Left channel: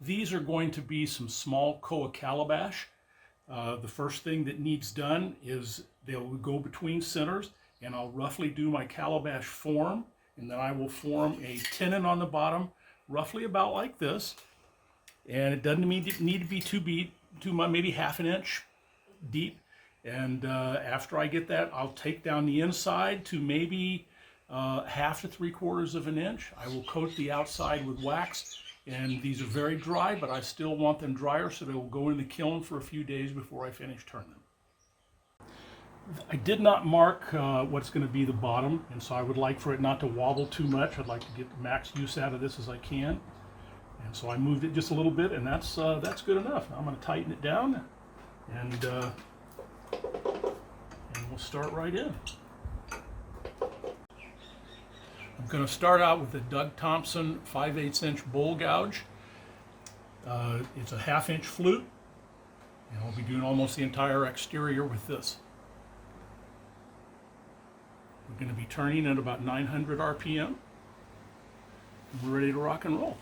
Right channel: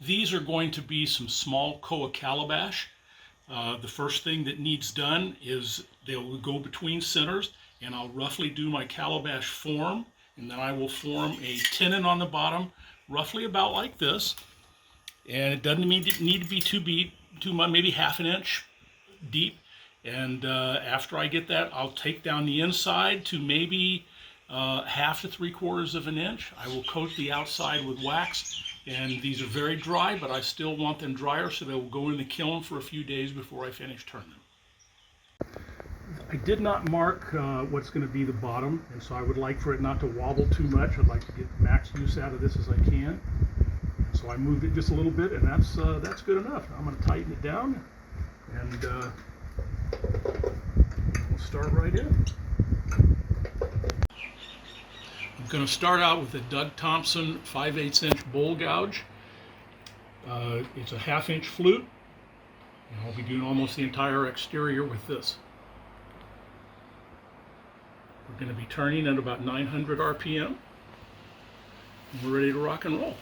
These are going to be some small Koa Calabash. The first thing that needs done is they'll go between centers, and I'll roughly do my calabash form, and then I will form a tenon on the bottom, roughly about like this. And it doesn't need to be too much, maybe half an inch deep. And after I get that, I'll take down the inside to maybe half to 3/4 of an inch. I will coat the outside with wax, and these are very dry, but I still want them drier, so they will go in the kiln for a few days before I finish turning them. I did not mark what's going to be the bottom, and so I would like for it not to wobble too much. I'd like to get the max use out of this as I can. And so I moved it just a little bit, and that's good enough. Now I'm going to tighten it down, and we'll start right in. I'm going to start out with a Doug Thompson 5/8 inch bowl gouge. It's a 1/2 inch flute, and I'll be doing almost the entire exterior with this. We're going to be turning at about 900 RPM, and we're ready to rock and roll.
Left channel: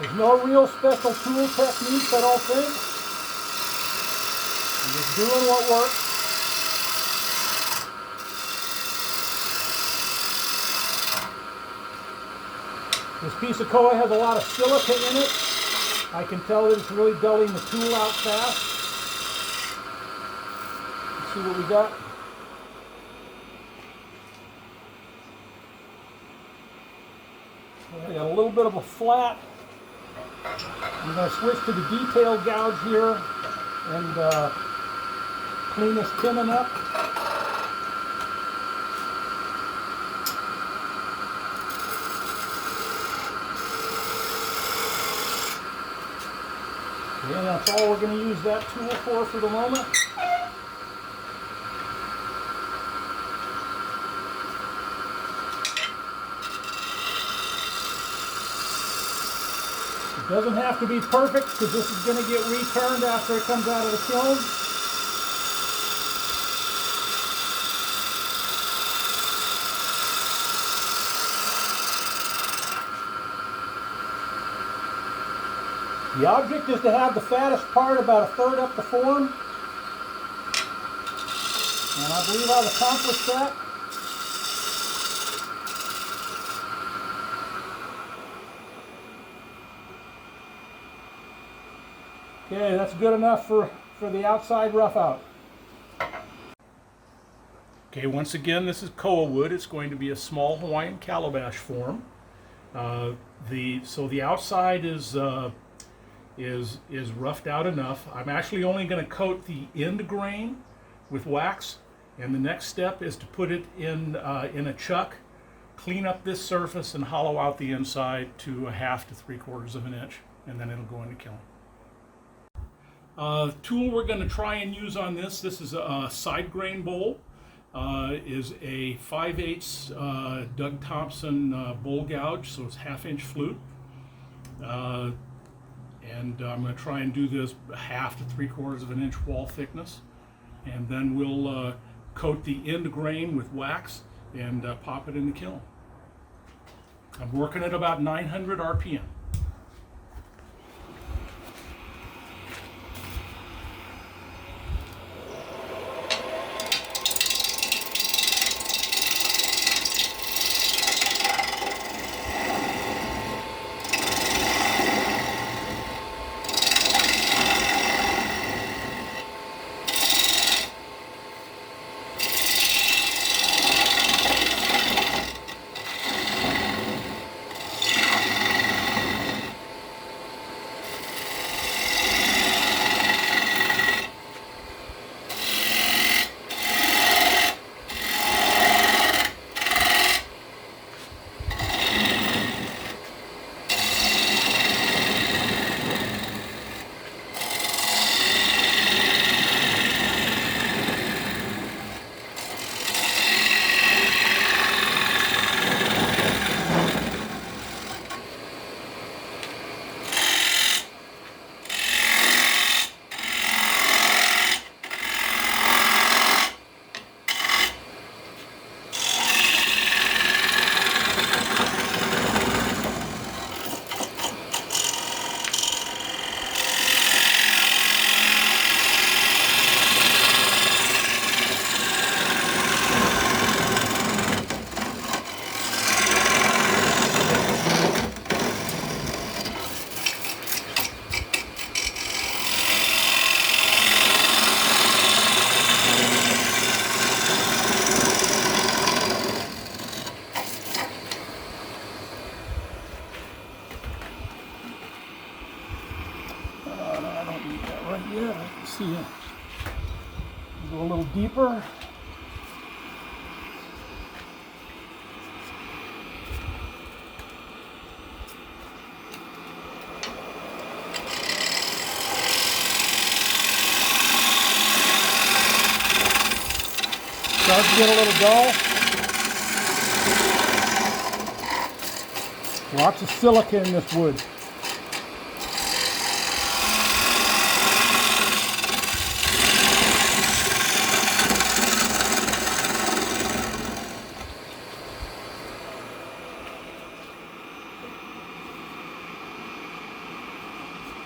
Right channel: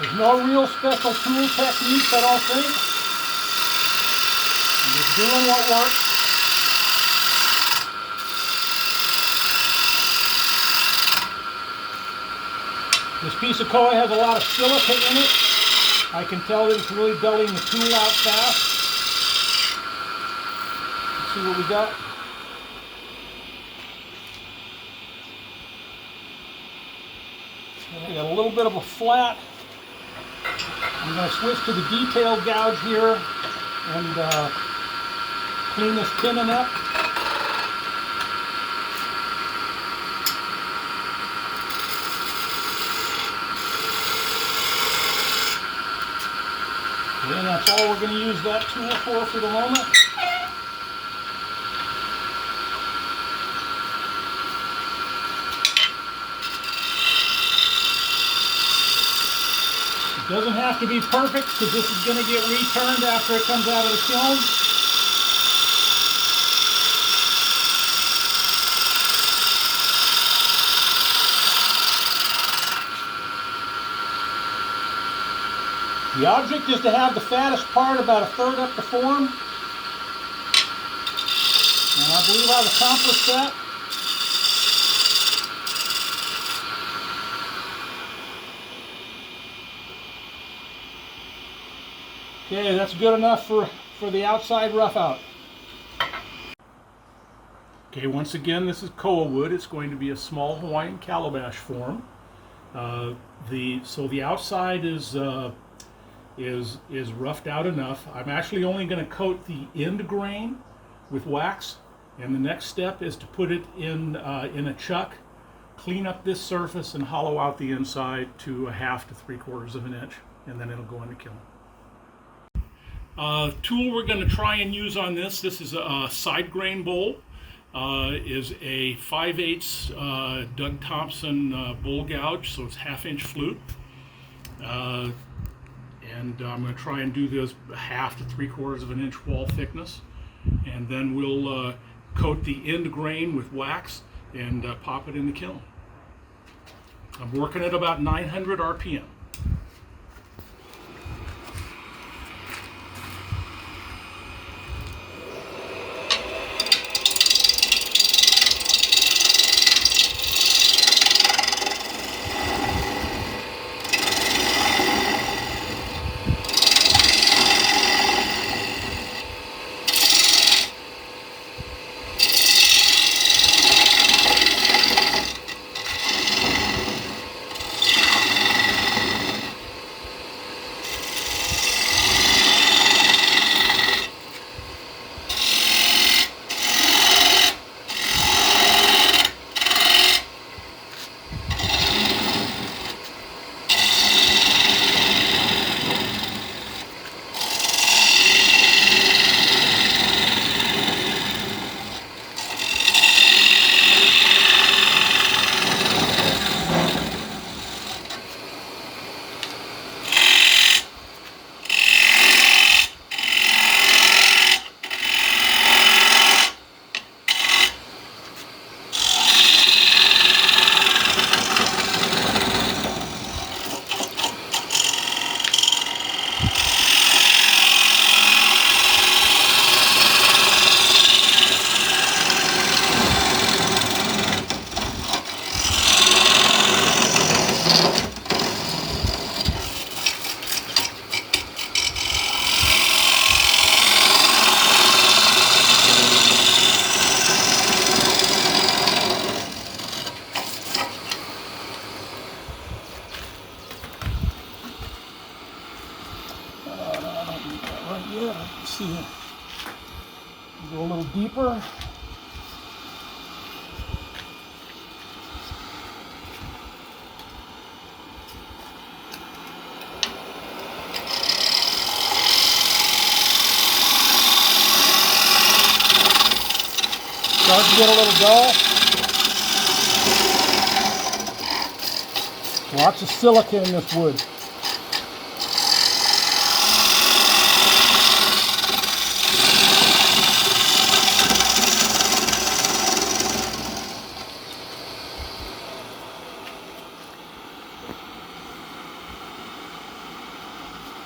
There's no real special tool techniques, I don't think. I'm just doing what works. This piece of Koa has a lot of silica in it. I can tell that it's really dulling the tool out fast. Let's see what we got. I got a little bit of a flat. I'm going to switch to the detail gouge here and clean this tenon up. And that's all we're going to use that tool for the moment. It doesn't have to be perfect because this is going to get returned after it comes out of the kiln. The object is to have the fattest part about 1/3 up the form. And I believe I've accomplished that. Okay, that's good enough for the outside rough out. Okay, once again, this is Koa wood. It's going to be a small Hawaiian calabash form. So the outside is roughed out enough. I'm actually only going to coat the end grain with wax, and the next step is to put it in a chuck, clean up this surface, and hollow out the inside to 1/2 to 3/4 of an inch, and then it'll go in the kiln. Tool we're going to try and use on this is a side grain bowl. Is a 5/8 Doug Thompson bowl gouge, so it's 1/2 inch flute. And I'm going to try and do this 1/2 to 3/4 of an inch wall thickness, and then we'll coat the end grain with wax and pop it in the kiln. I'm working at about 900 RPM. See it. Go a little deeper. Starts to get a little dull. Lots of silica in this wood.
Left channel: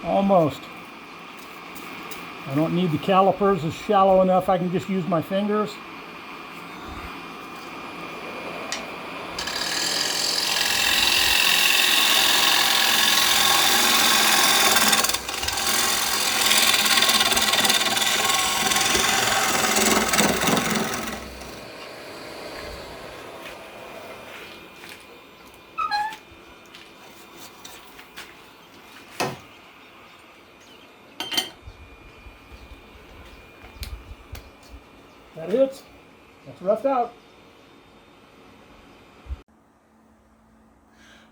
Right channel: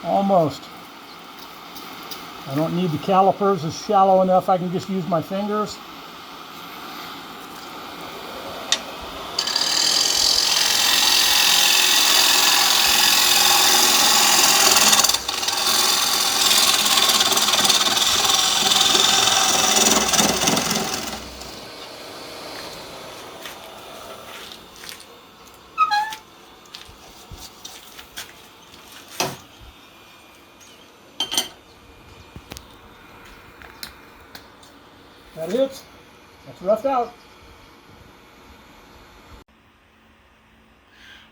Almost. I don't need the calipers, it's shallow enough I can just use my fingers. That hits. That's roughed out.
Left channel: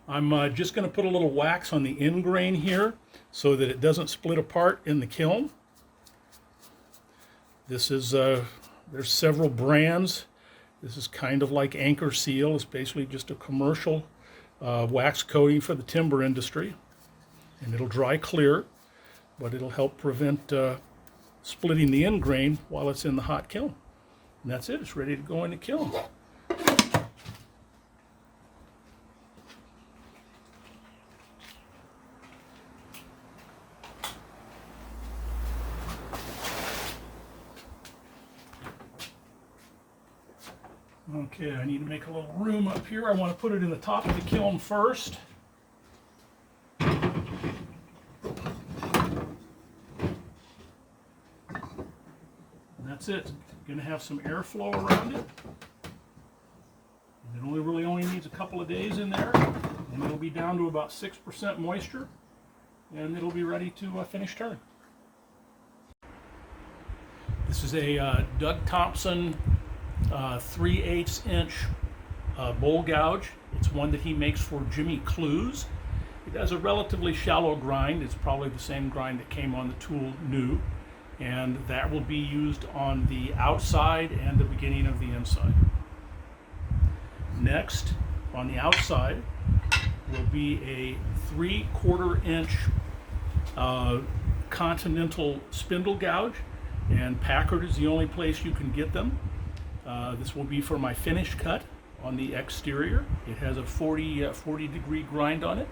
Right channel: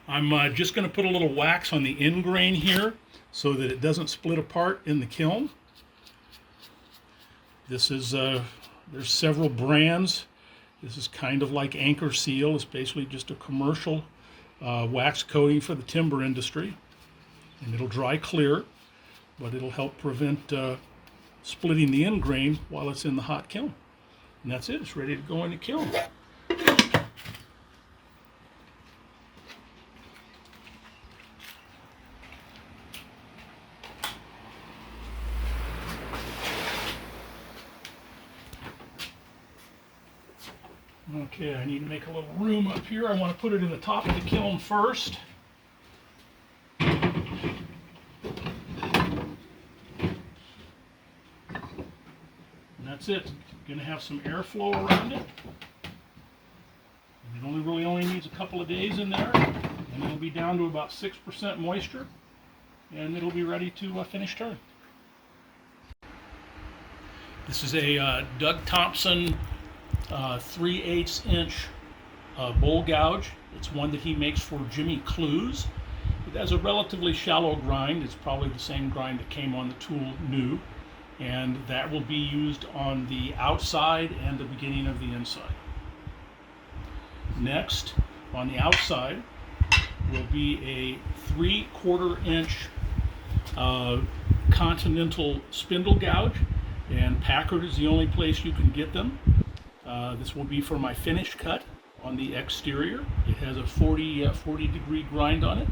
I'm just going to put a little wax on the end grain here so that it doesn't split apart in the kiln. This is, there's several brands. This is kind of like Anchor Seal. It's basically just a commercial wax coating for the timber industry. And it'll dry clear, but it'll help prevent splitting the end grain while it's in the hot kiln. And that's it, it's ready to go in the kiln. Okay, I need to make a little room up here. I want to put it in the top of the kiln first. And that's it. Going to have some airflow around it. And it really needs a couple of days in there, and it'll be down to about 6% moisture, and it'll be ready to finish turn. This is a Doug Thompson 3/8 inch bowl gouge. It's one that he makes for Jimmy Clues. It has a relatively shallow grind. It's probably the same grind that came on the tool new. And that will be used on the outside and the beginning of the inside. Next, on the outside, will be a 3/4 inch Continental spindle gouge, and Packard is the only place you can get them. This will be for my finish cut on the exterior. It has a 40 degree grind on it.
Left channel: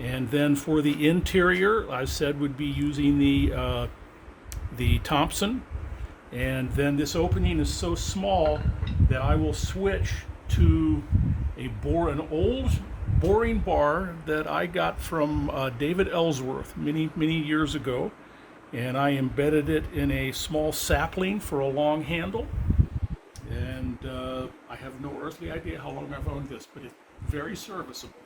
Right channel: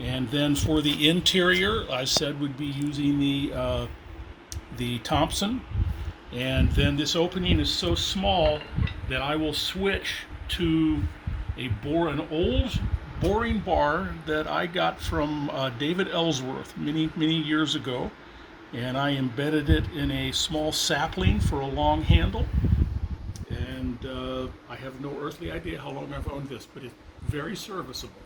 And then for the interior, I said we'd be using the Thompson. And then this opening is so small that I will switch to an old boring bar that I got from David Ellsworth many years ago, and I embedded it in a small sapling for a long handle. And I have no earthly idea how long I've owned this, but it's very serviceable.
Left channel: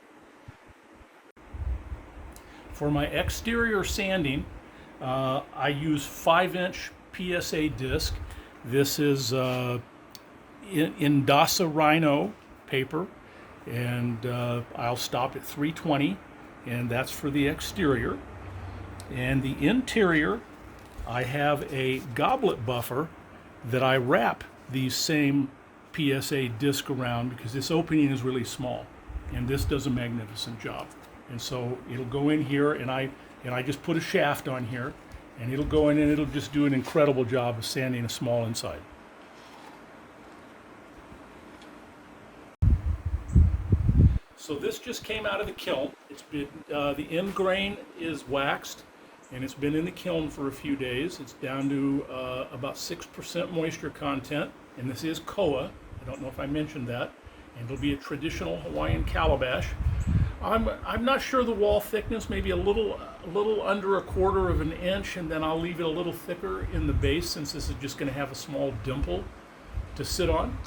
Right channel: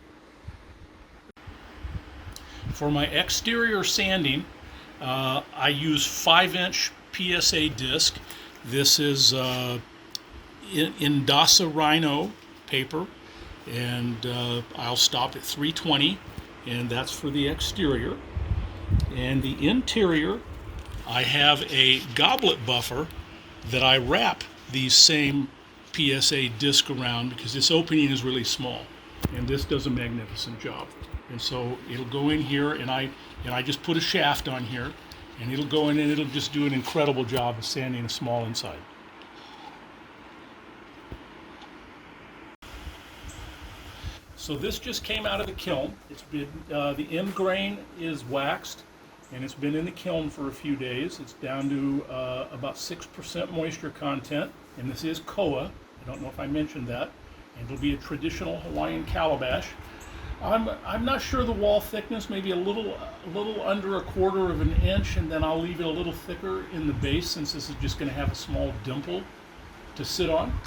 For my exterior sanding, I use 5-inch PSA disc. This is Indasa Rhino paper, and I'll stop at 320, and that's for the exterior. And the interior, I have a goblet buffer that I wrap these same PSA disc around, because this opening is really small, and this does a magnificent job. And so it'll go in here, and I just put a shaft on here, and it'll go in and it'll just do an incredible job of sanding a small inside. So this just came out of the kiln. It's been the end grain is waxed, and it's been in the kiln for a few days. It's down to about 6% moisture content, and this is Koa. I don't know if I mentioned that. And it'll be a traditional Hawaiian calabash. I'm not sure the wall thickness, maybe a little under 1/4 of an inch, and then I'll leave it a little thicker in the base, since this is just going to have a small dimple to sit on.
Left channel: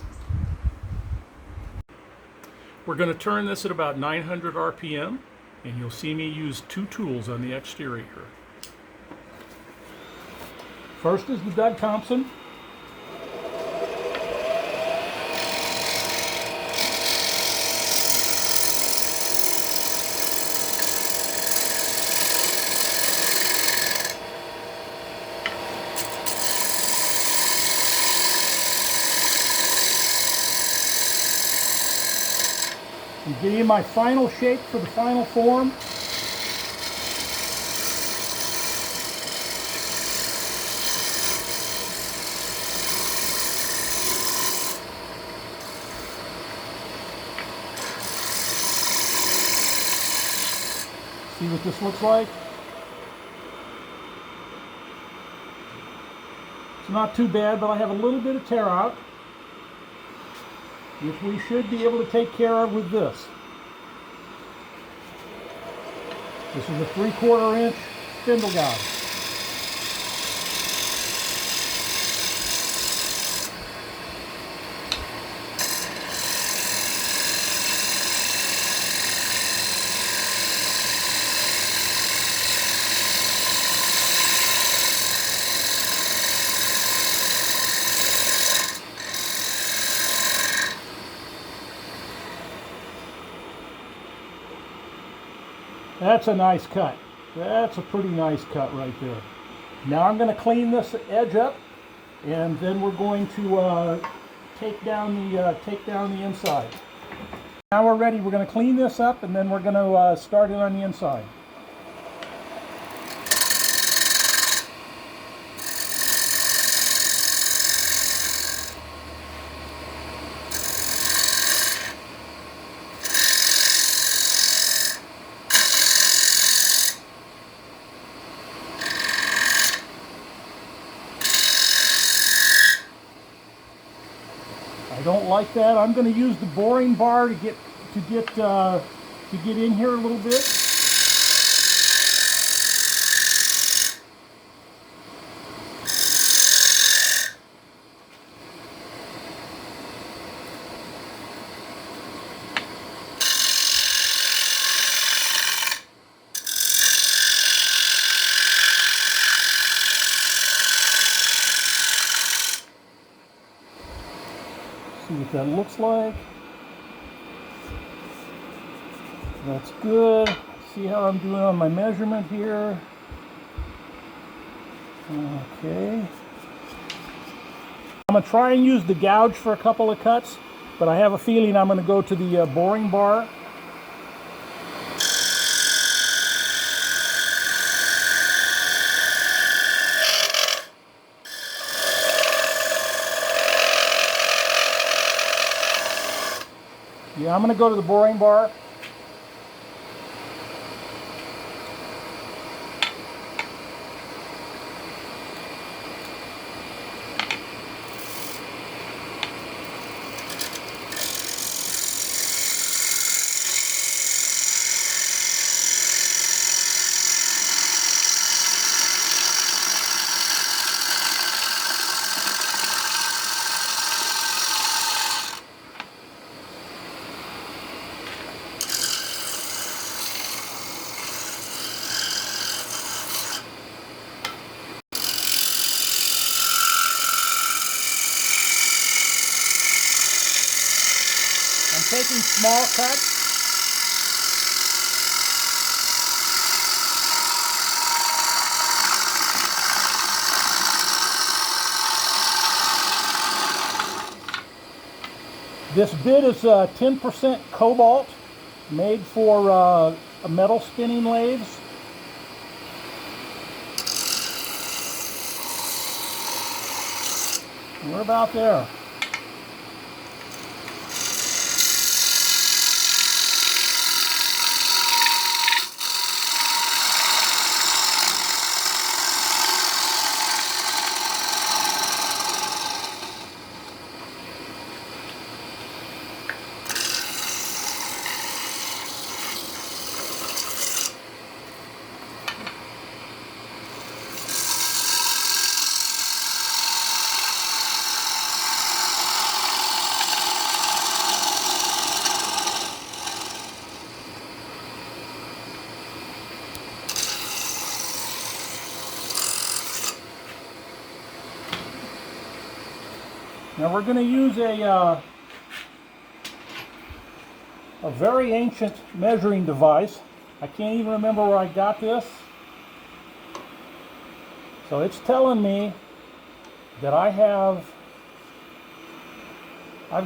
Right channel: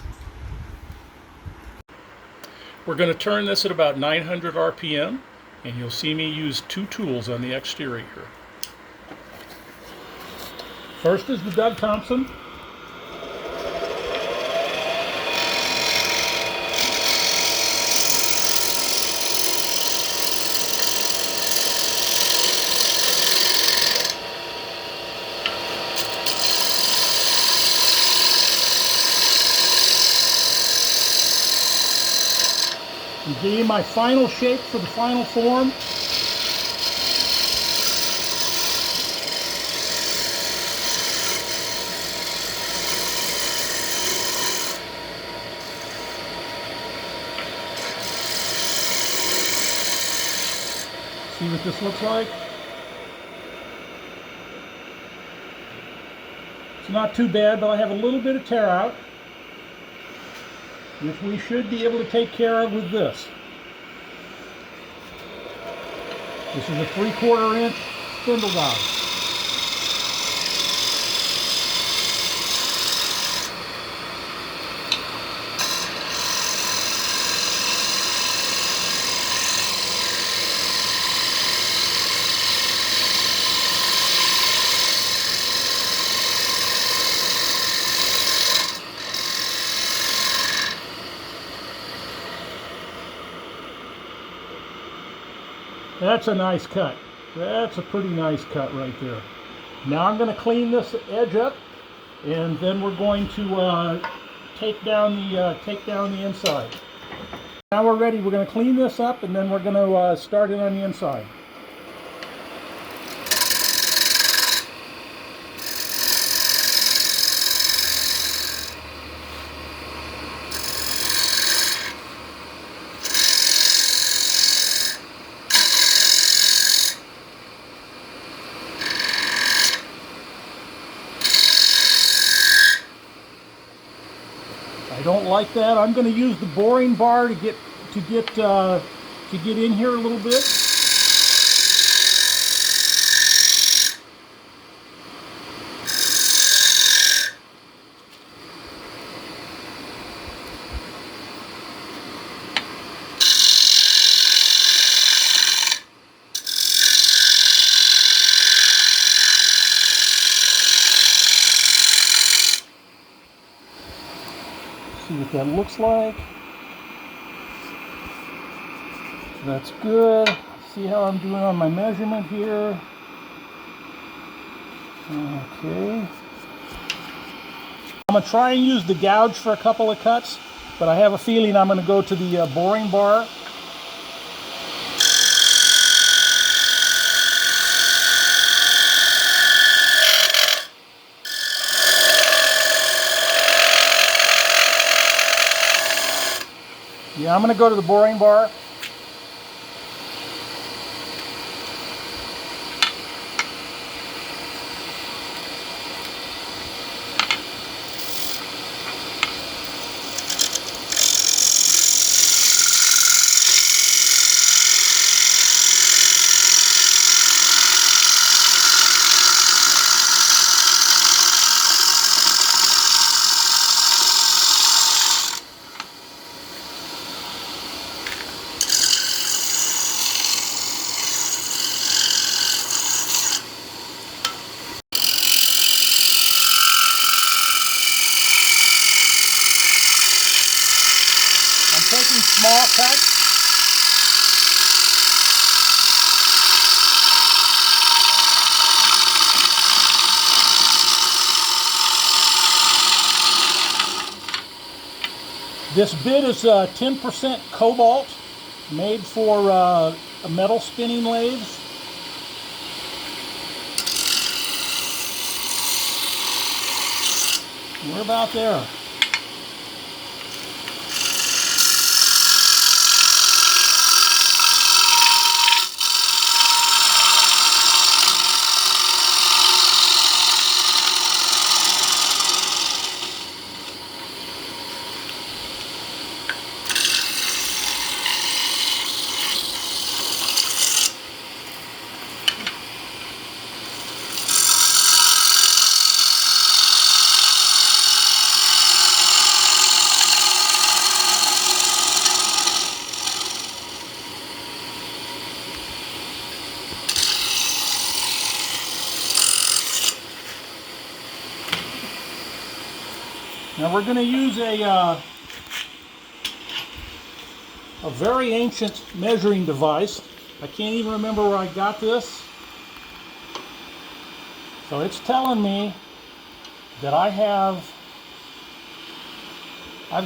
We're going to turn this at about 900 RPM, and you'll see me use 2 tools on the exterior. First is the Doug Thompson. I'm giving you my final shape for the final form. See what this looks like? It's not too bad, but I have a little bit of tear out, which we should be able to take care of with this. This is a 3/4 inch spindle gouge. That's a nice cut. That's a pretty nice cut right there. Now I'm going to clean this edge up, and then we're going to take down the inside. Now we're ready. We're going to clean this up, and then we're going to start it on the inside. I don't like that. I'm going to use the boring bar to get in here a little bit. See what that looks like. That's good. See how I'm doing on my measurement here. Okay. I'm going to try and use the gouge for a couple of cuts, but I have a feeling I'm going to go to the boring bar Yeah, I'm going to go to the boring bar. I'm taking small cuts. This bit is 10% cobalt, made for metal spinning lathes. We're about there. Now we're going to use a very ancient measuring device. I can't even remember where I got this. So it's telling me that I've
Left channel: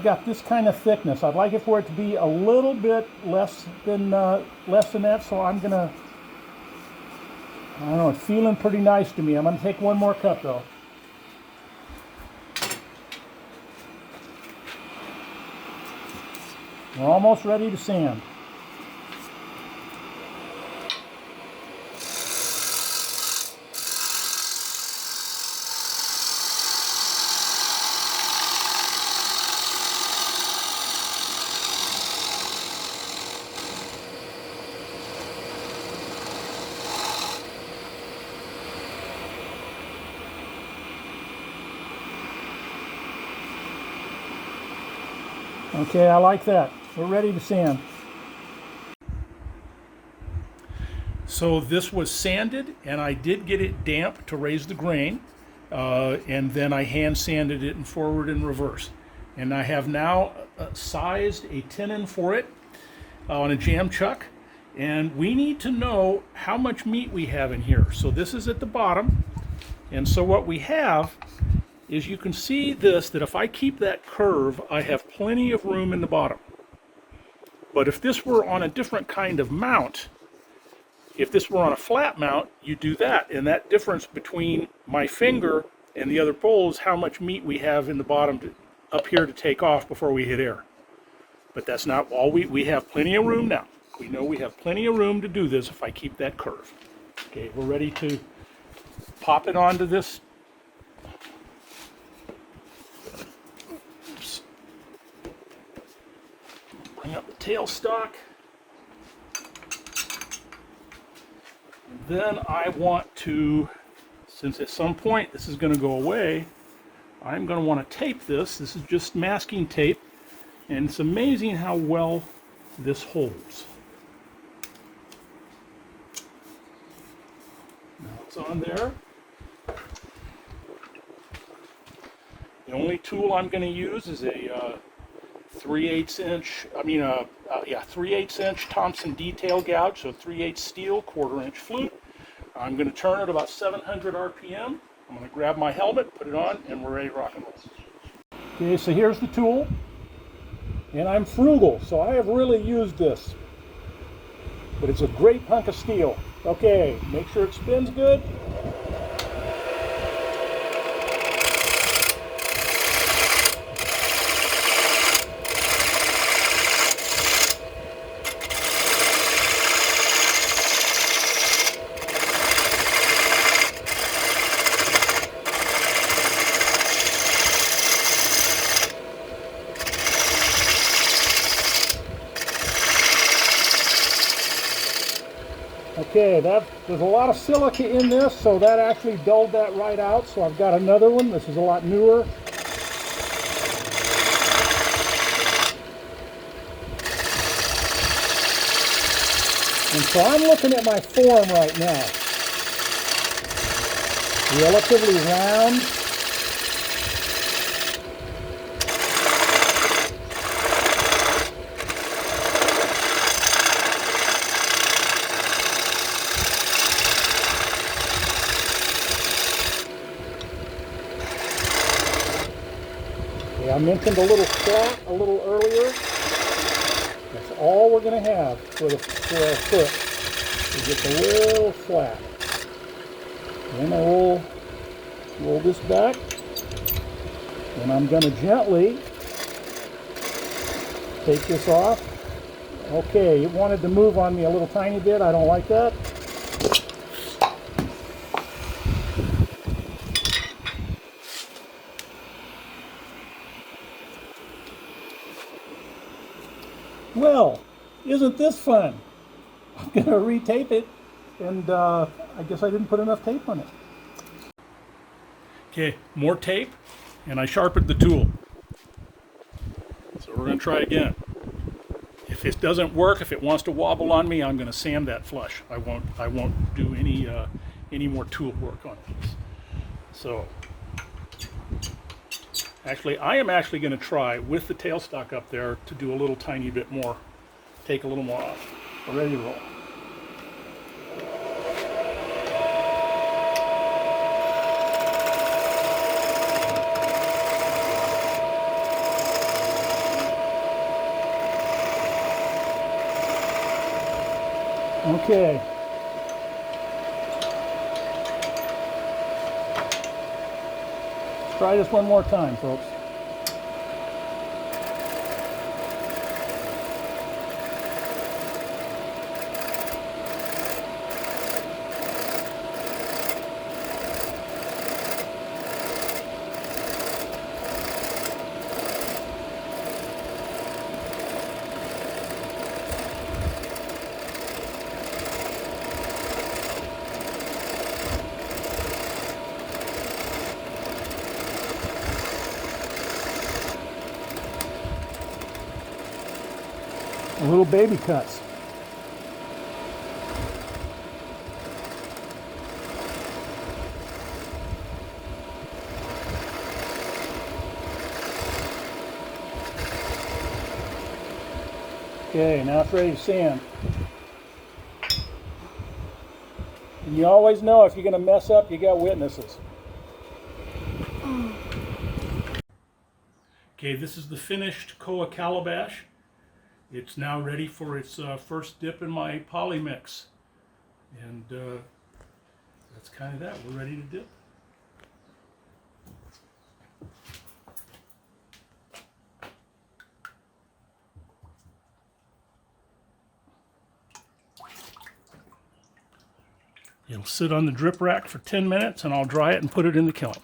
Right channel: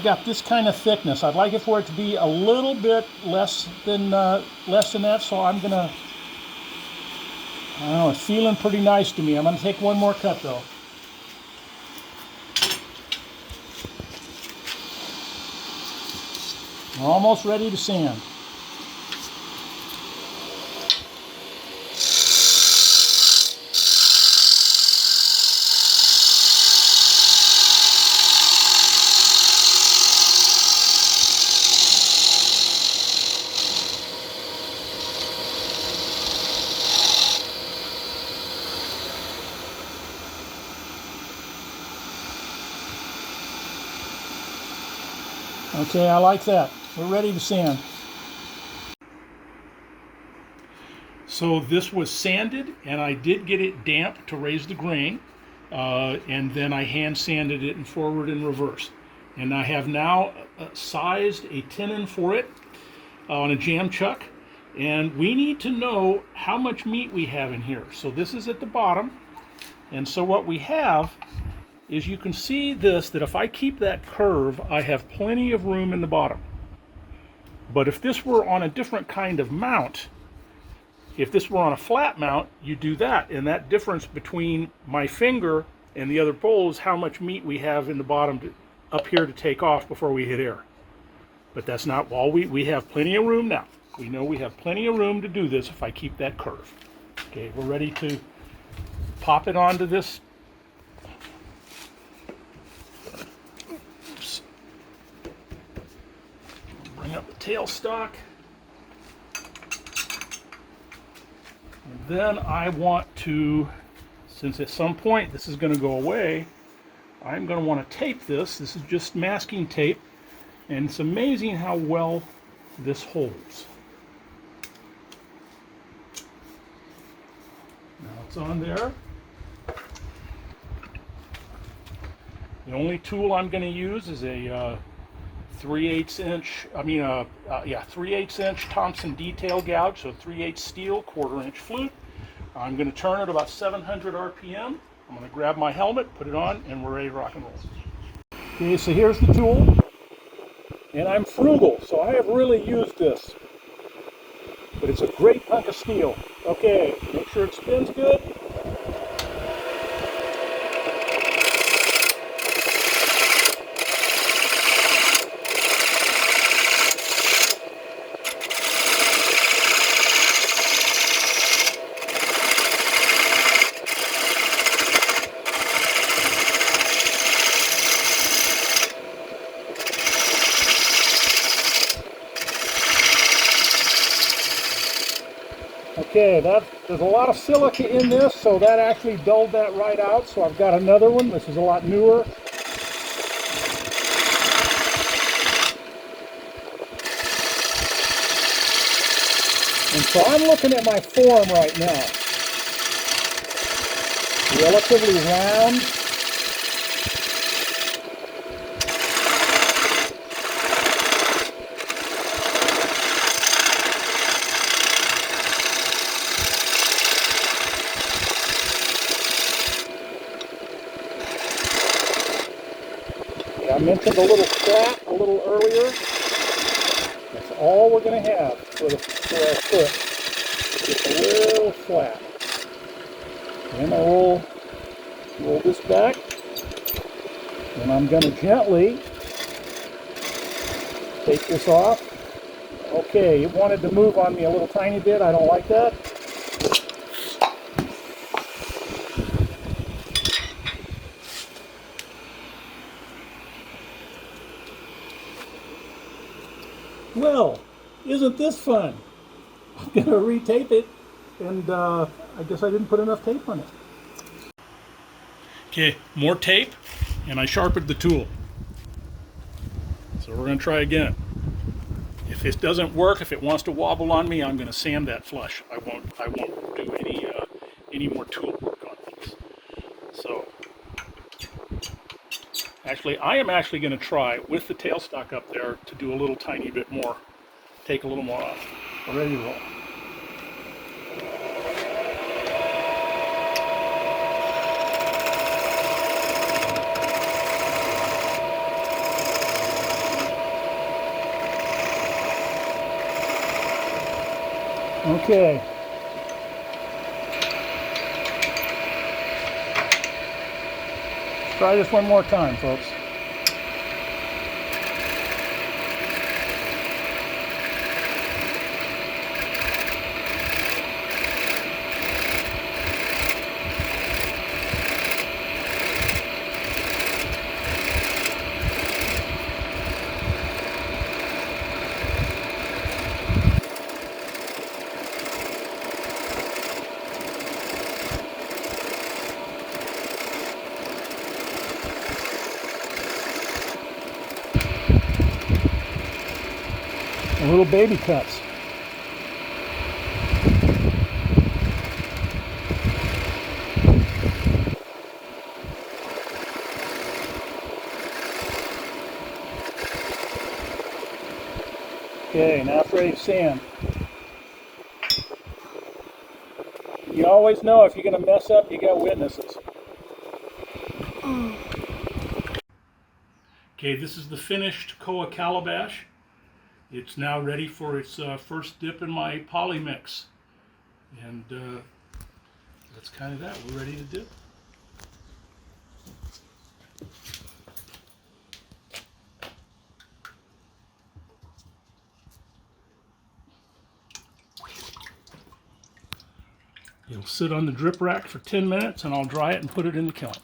got this kind of thickness. I'd like it for it to be a little bit less than that. So I'm gonna, I don't know, it's feeling pretty nice to me. I'm gonna take one more cut though. We're almost ready to sand. Okay, I like that. We're ready to sand. So this was sanded, and I did get it damp to raise the grain, and then I hand sanded it in forward and reverse. And I have now sized a tenon for it on a jam chuck, and we need to know how much meat we have in here. So this is at the bottom, and so what we have is, you can see this, that if I keep that curve, I have plenty of room in the bottom. But if this were on a different kind of mount, if this were on a flat mount, you do that, and that difference between my finger and the other pole is how much meat we have in the bottom up here to take off before we hit air. But that's not all. We have plenty of room now. We know we have plenty of room to do this if I keep that curve. Okay, we're ready to pop it onto this. Oops. Bring up the tailstock. And then I want to, since at some point this is going to go away, I'm going to want to tape this. This is just masking tape, and it's amazing how well this holds. Now it's on there. The only tool I'm going to use is a 3/8 inch Thompson detail gouge, so 3/8 steel, 1/4 inch flute. I'm going to turn it about 700 RPM. I'm going to grab my helmet, put it on, and we're ready to rock and roll. Okay, so here's the tool. And I'm frugal, so I have really used this. But it's a great hunk of steel. Okay, make sure it spins good. Okay, there's a lot of silica in this, so that actually dulled that right out. So I've got another one. This is a lot newer. And so I'm looking at my form right now. Relatively round. I mentioned a little flat a little earlier. That's all we're going to have for our foot. Is just a little flat. Then I'll roll this back. And I'm going to gently take this off. Okay, it wanted to move on me a little tiny bit. I don't like that. Well, isn't this fun? I'm going to retape it, and I guess I didn't put enough tape on it. Okay, more tape, and I sharpened the tool. So we're going to try again. If this doesn't work, if it wants to wobble on me, I'm going to sand that flush. I won't do any more tool work on these. So actually, I am actually going to try with the tailstock up there to do a little tiny bit more, take a little more off. Ready to roll. Okay. Try this one more time, folks. Little baby cuts. Okay, now it's ready to sand. You always know if you're going to mess up, you got witnesses. Okay, this is the finished Koa Calabash. It's now ready for its first dip in my poly mix. And that's kind of that. We're ready to dip. It'll sit on the drip rack for 10 minutes and I'll dry it and put it in the kiln.